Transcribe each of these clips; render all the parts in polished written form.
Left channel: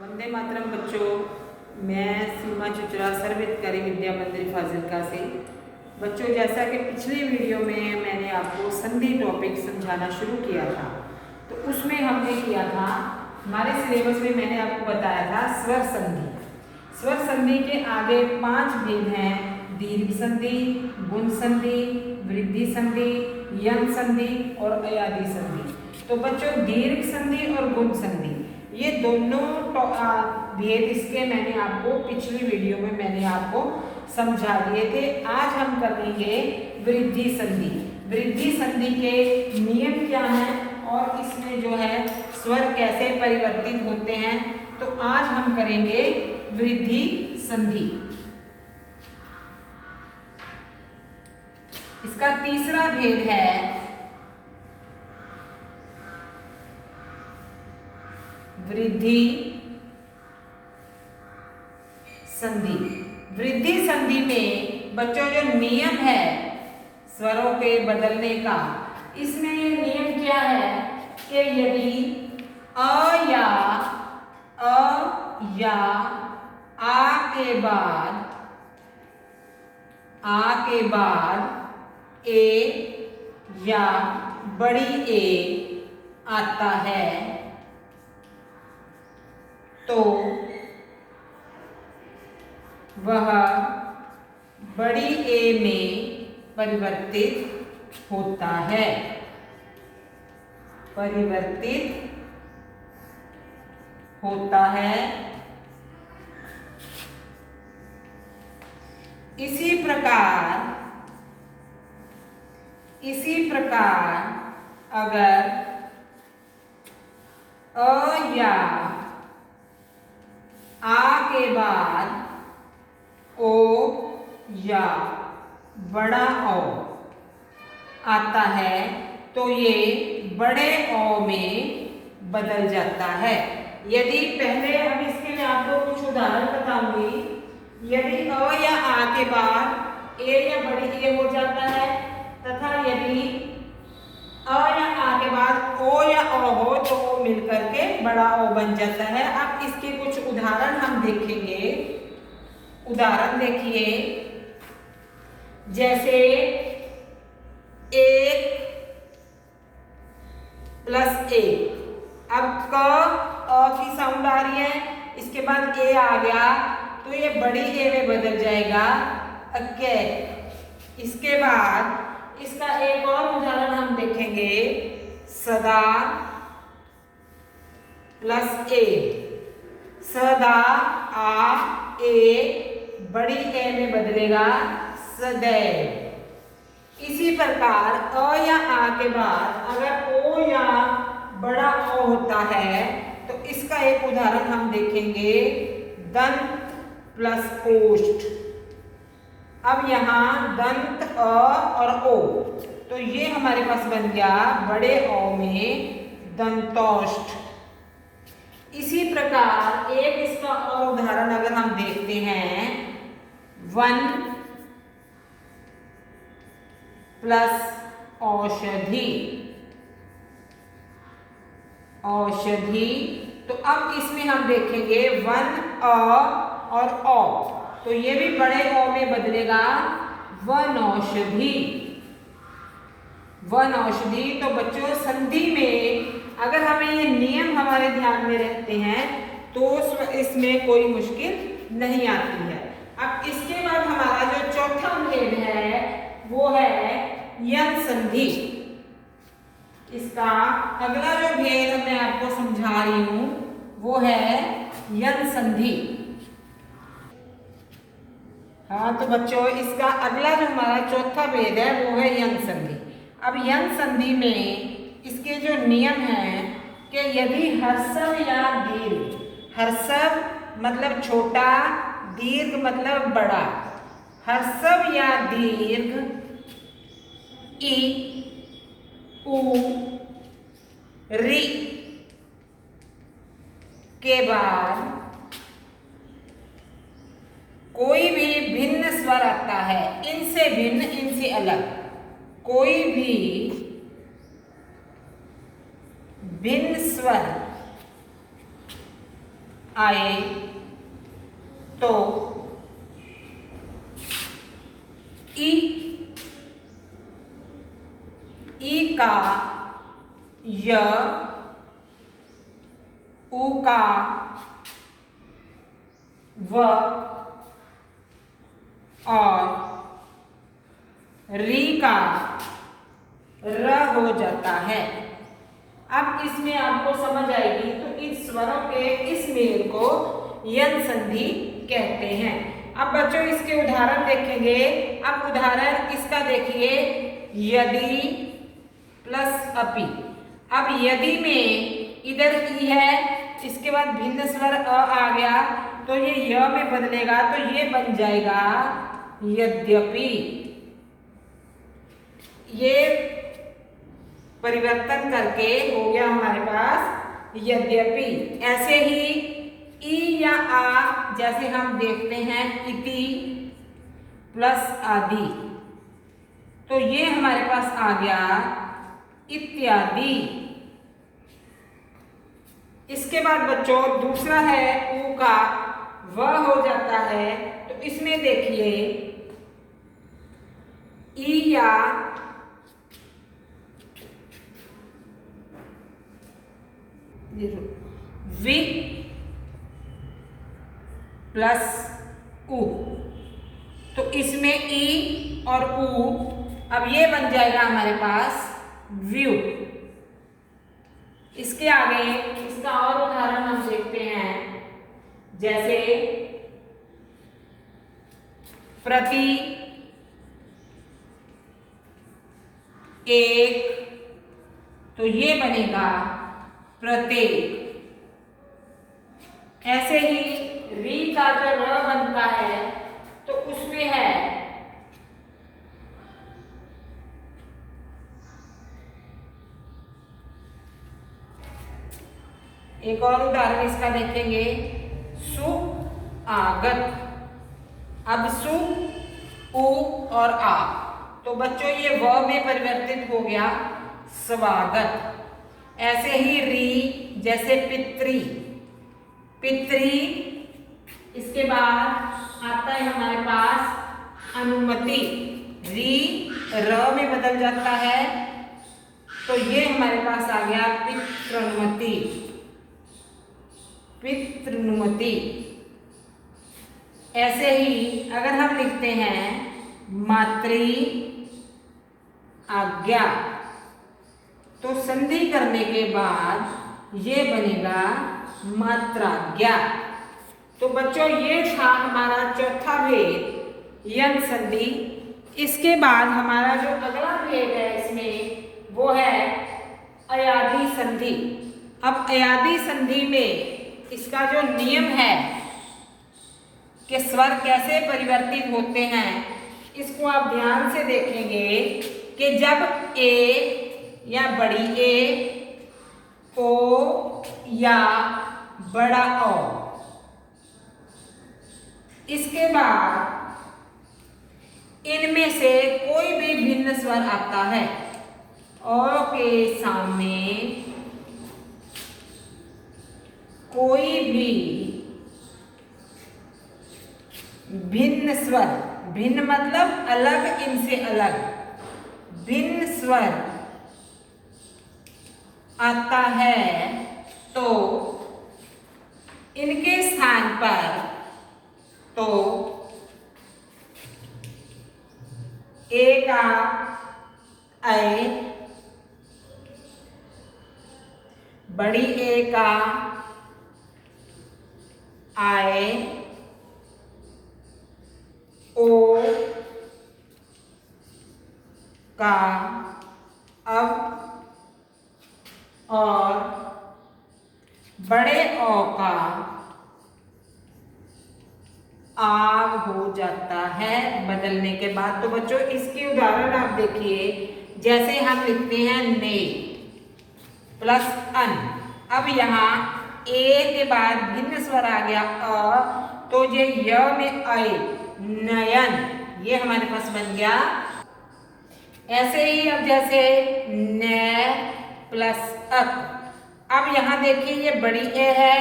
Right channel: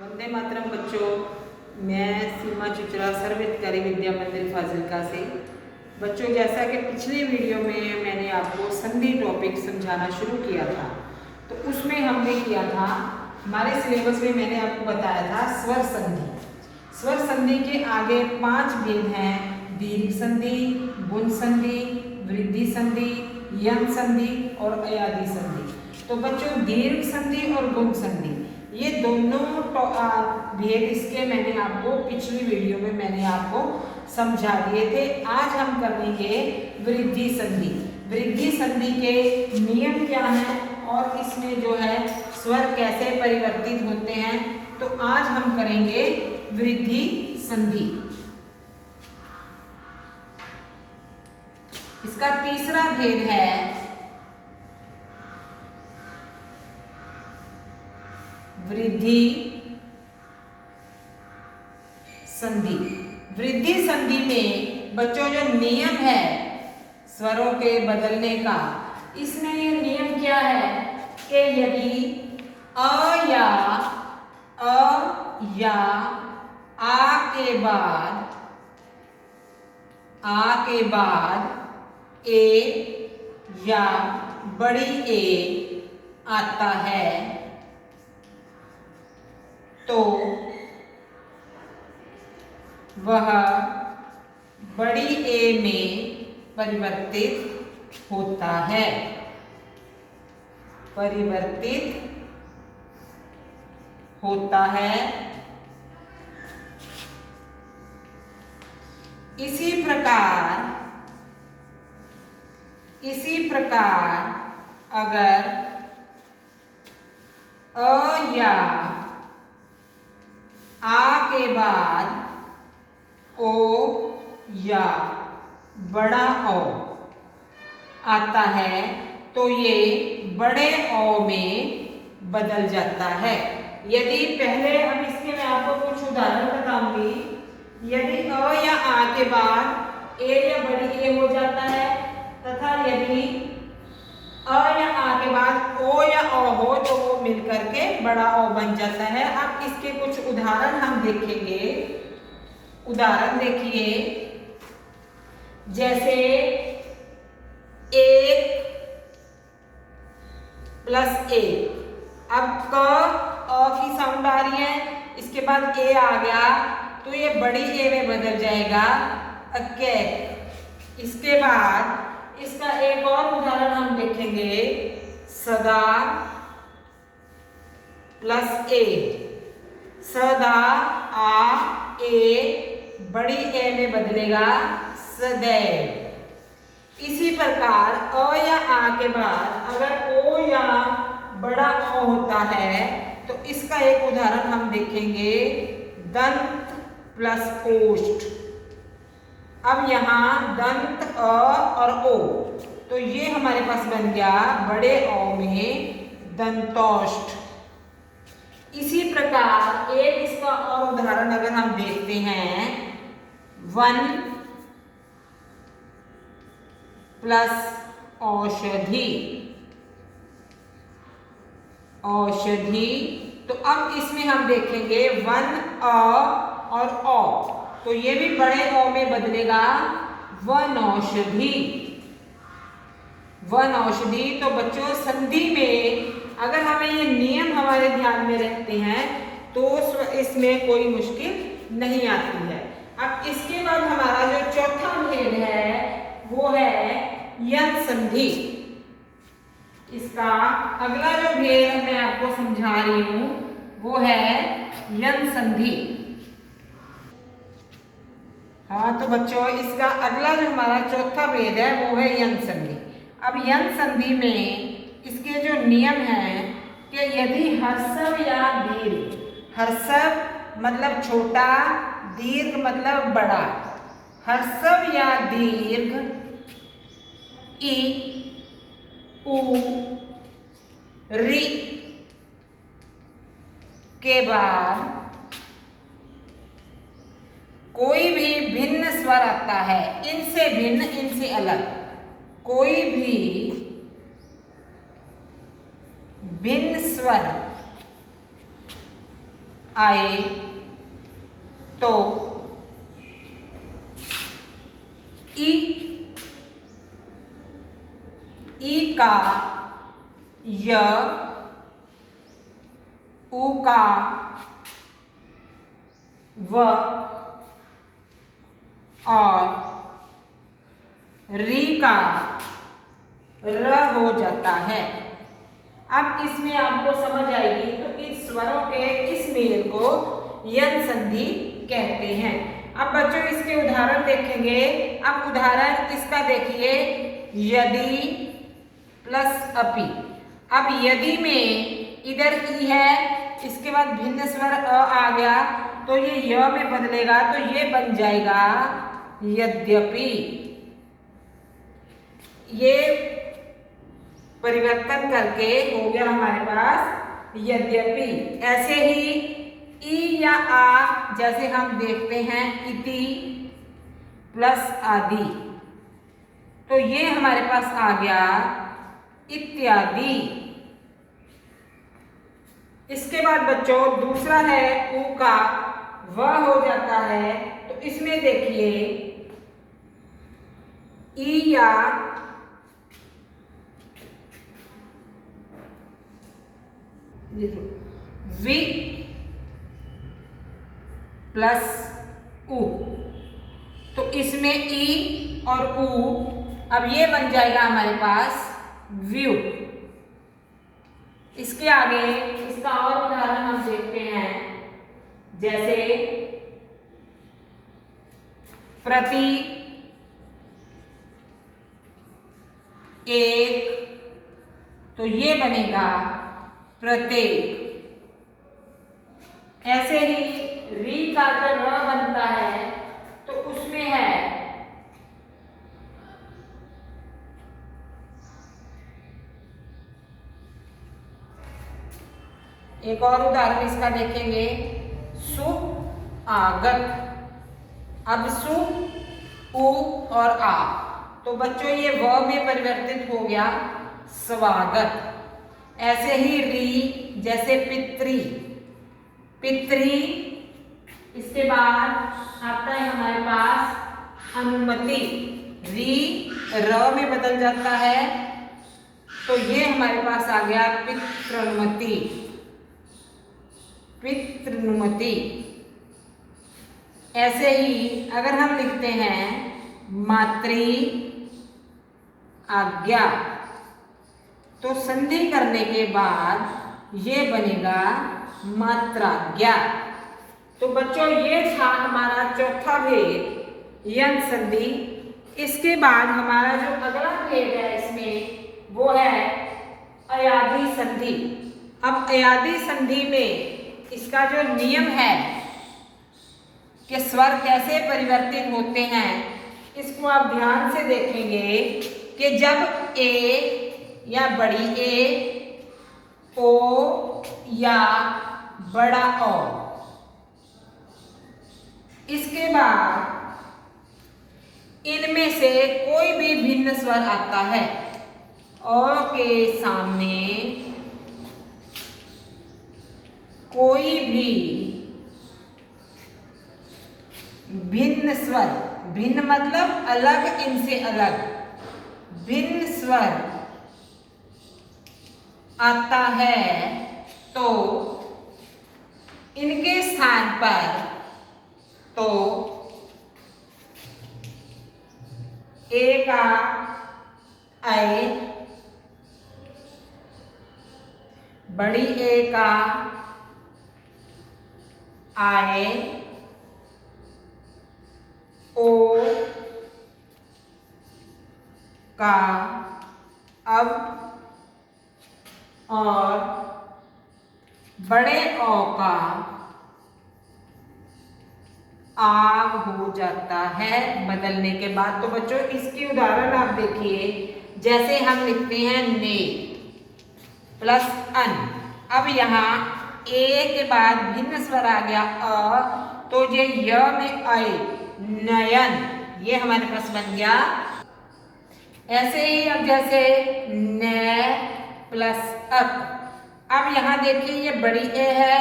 वंदे मातरम बच्चों, मैं सीमा चुचरा सर्वहितकारी विद्या मंदिर फाजिलका से। बच्चों, जैसा कि पिछली वीडियो में मैंने आपको संधि टॉपिक समझाना शुरू किया था, तो उसमें हमने किया था, हमारे सिलेबस में मैंने आपको बताया था स्वर संधि। स्वर संधि के आगे 5 भेद हैं: दीर्घ संधि, गुण संधि, वृद्धि संधि, यंग संधि और अयादि संधि। तो बच्चों, दीर्घ संधि और गुण संधि ये दोनों भेद इसके मैंने आपको पिछली वीडियो में मैंने आपको समझा दिए थे। आज हम करेंगे वृद्धि संधि। वृद्धि संधि के नियम क्या हैं और इसमें जो है स्वर कैसे परिवर्तित होते हैं, तो आज हम करेंगे वृद्धि संधि। इसका तीसरा भेद है वृद्धि संधि। वृद्धि संधि में बच्चों जो नियम है स्वरों के बदलने का, इसमें ये नियम क्या है कि यदि अ या आ के बाद ए या बड़ी ए आता है तो वह बड़ी ए में परिवर्तित होता है। इसी प्रकार अगर अ या आ के बाद ओ या बड़ा ओ आता है तो ये बड़े ओ में बदल जाता है। यदि पहले अब इसके मैं आपको कुछ उदाहरण बताऊंगी। यदि अ या आ के बाद ए या बड़ी ए हो जाता है, तथा यदि अ या आ के बाद ओ या ओ हो तो वो मिलकर के बड़ा ओ बन जाता है। अब इसके कुछ उदाहरण हम देखेंगे। उदाहरण देखिए, जैसे 1 + 1। अब क अ की साउंड आ रही है, इसके बाद ए आ गया तो ये बड़ी ए में बदल जाएगा अके। इसके बाद इसका एक और उदाहरण हम देखेंगे, सदा + ए। सदा आ ए बड़ी ए में बदलेगा सदैव। इसी प्रकार अ या आ के बाद अगर ओ या बड़ा ओ होता है तो इसका एक उदाहरण हम देखेंगे, दंत + ओष्ठ। अब यहाँ दंत अ और ओ, तो ये हमारे पास बन गया बड़े ओ में दंतोष्ठ। इसी प्रकार एक इसका और उदाहरण अगर हम देखते हैं, 1 + औषधि। तो अब इसमें हम देखेंगे 1 अ और औ, तो ये भी बड़े ओ में बदलेगा वनौषधि। तो बच्चों, संधि में अगर हमें ये नियम हमारे ध्यान में रहते हैं तो इसमें कोई मुश्किल नहीं आती है। अब इसके बाद हमारा जो चौथा भेद है वो है यंग संधि। इसका अगला जो भेद मैं आपको समझा रही हूं वो है यंग संधि। हाँ, तो बच्चों, इसका अगला जो हमारा चौथा भेद है वो है यंग संधि। अब यंग संधि में इसके जो नियम हैं कि यदि ह्रस्व या दीर्घ, ह्रस्व मतलब छोटा, दीर्घ मतलब बड़ा, ह्रस्व या दीर्घ इ, उ, रि के बाद कोई भी भिन्न स्वर आता है, इनसे भिन्न, इनसे अलग कोई भी भिन्न स्वर आए तो ई का य, उ का व और री का र हो जाता है। अब इसमें आपको समझ आएगी तो इस स्वरों के इस मेल को यन संधि कहते हैं। अब बच्चों इसके उदाहरण देखेंगे। अब उदाहरण इसका देखिए, यदि प्लस अपि। अब यदि में इधर ई है, इसके बाद भिन्न स्वर अ आ गया तो ये य में बदलेगा तो ये बन जाएगा यद्यपि। ये परिवर्तन करके हो गया हमारे पास यद्यपि। ऐसे ही ई या आ जैसे हम देखते हैं इति प्लस आदि, तो ये हमारे पास आ गया इत्यादि। इसके बाद बच्चों दूसरा है उ का व हो जाता है, तो इसमें देखिए ई या वि प्लस उ, तो इसमें ई और उ, अब ये बन जाएगा हमारे पास व्यू। इसके आगे इसका और उदाहरण हम देखते हैं, जैसे प्रति, एक, तो ये बनेगा प्रत्येक। ऐसे ही री का जो र बनता है तो उसमें है एक और उदाहरण इसका देखेंगे, सुआगत। अब सु, उ और आ, तो बच्चों ये व में परिवर्तित हो गया स्वागत। ऐसे ही री जैसे पितृ, पितृ। इसके बाद आता है हमारे पास अनुमति, री र में बदल जाता है तो ये हमारे पास आ गया पितृनुमति, पितृनुमति। ऐसे ही अगर हम लिखते हैं मातृ आज्ञा, तो संधि करने के बाद ये बनेगा मात्राज्ञा। तो बच्चों ये था हमारा चौथा भेद यन संधि। इसके बाद हमारा जो अगला भेद है इसमें वो है अयादी संधि। अब अयादी संधि में इसका जो नियम है कि स्वर कैसे परिवर्तित होते हैं, इसको आप ध्यान से देखेंगे कि जब ए या बड़ी ए, ओ या बड़ा ओ, इसके बाद इनमें से कोई भी भिन्न स्वर आता है, ओ के सामने कोई भी भिन्न स्वर, भिन्न मतलब अलग, इनसे अलग भिन्न स्वर आता है तो इनके स्थान पर तो ए का ऐ, बड़ी ए का आए, ओ का अब और बड़े ओ का आग हो जाता है बदलने के बाद। तो बच्चों इसकी उदाहरण आप देखिए, जैसे हम लिखते हैं ने प्लस अन। अब यहाँ ए के बाद भिन्न स्वर आ गया अ, तो ये य में आए नयन, ये हमारे पास बन गया। ऐसे ही अब जैसे न प्लस अक। अब यहाँ देखिए ये बड़ी ए है,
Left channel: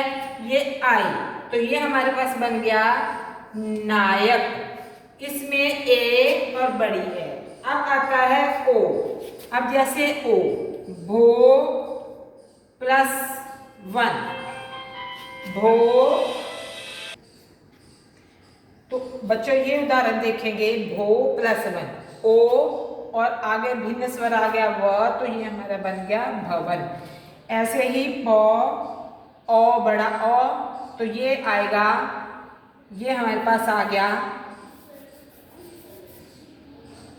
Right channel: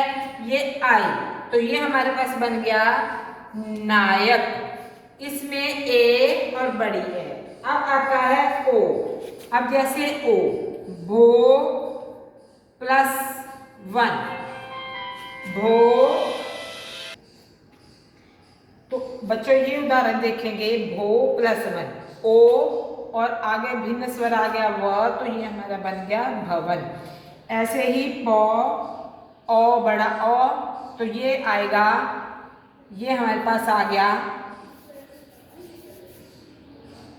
ये आई, तो ये हमारे पास बन गया नायक। इसमें ए और बड़ी है। अब आता है ओ। अब जैसे ओ, भो +1, भो। तो बच्चों ये उदाहरण देखेंगे, भो +1, ओ और आगे भिन्न स्वर आ गया व, तो ये हमारा बन गया भवन। ऐसे ही पौ, ओ बड़ा ओ, तो ये आएगा, ये हमारे पास आ गया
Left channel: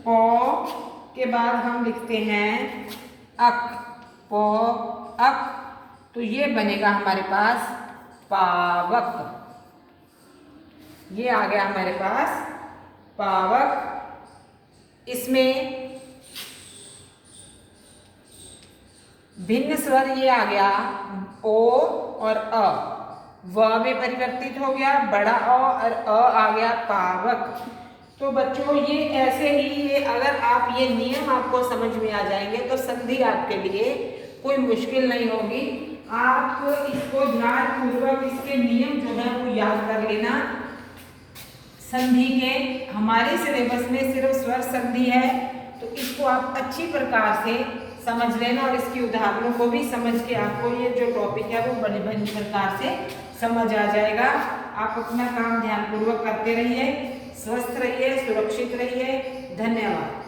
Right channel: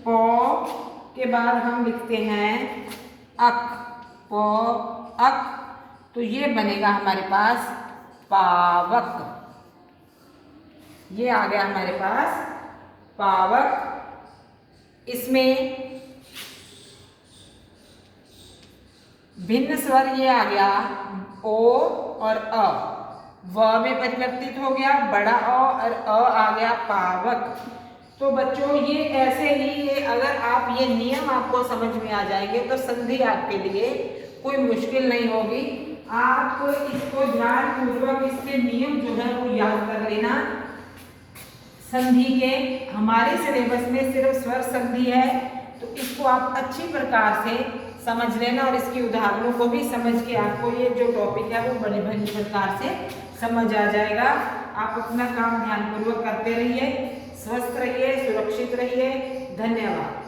पौ के बाद हम लिखते हैं अक, पौ अक, तो ये बनेगा हमारे पास पावक। ये आ गया हमारे पास पावक। इसमें भिन्न स्वर ये आ गया ओ और अ, व में परिवर्तित हो गया बड़ा अ और आ गया पावक। तो बच्चों ये ऐसे ही, ये अगर आप ये नियम आपको समझ में आ जाएंगे तो संधि आपके लिए कोई मुश्किल नहीं होगी। आप इसको ध्यानपूर्वक इसके नियम जो है वो याद कर लेना। संधि के हमारे सिलेबस में सिर्फ स्वर संधि है, तो इसको आप अच्छी प्रकार से समझ लेना और इसके उदाहरणों को भी समझ के आपको ये जो टॉपिक है वो बड़ी प्रकार से समझ आ जाएगा। आप अपना काम ध्यानपूर्वक करते रहिए, स्वस्थ रहिए, सुरक्षित रहिए। धन्यवाद।